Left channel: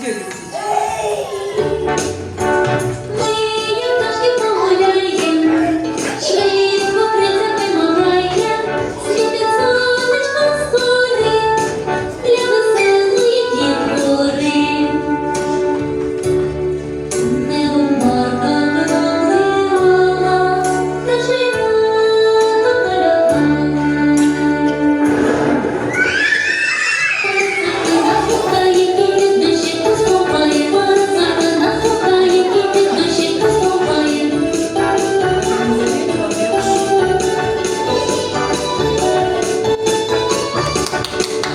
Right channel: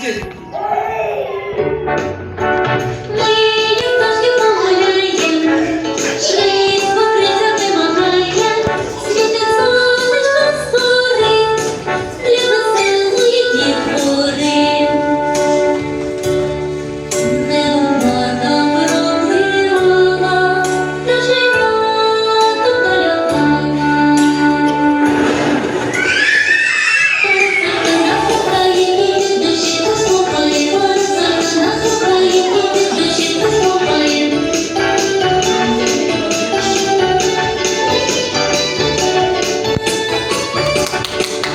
Gidiyoruz.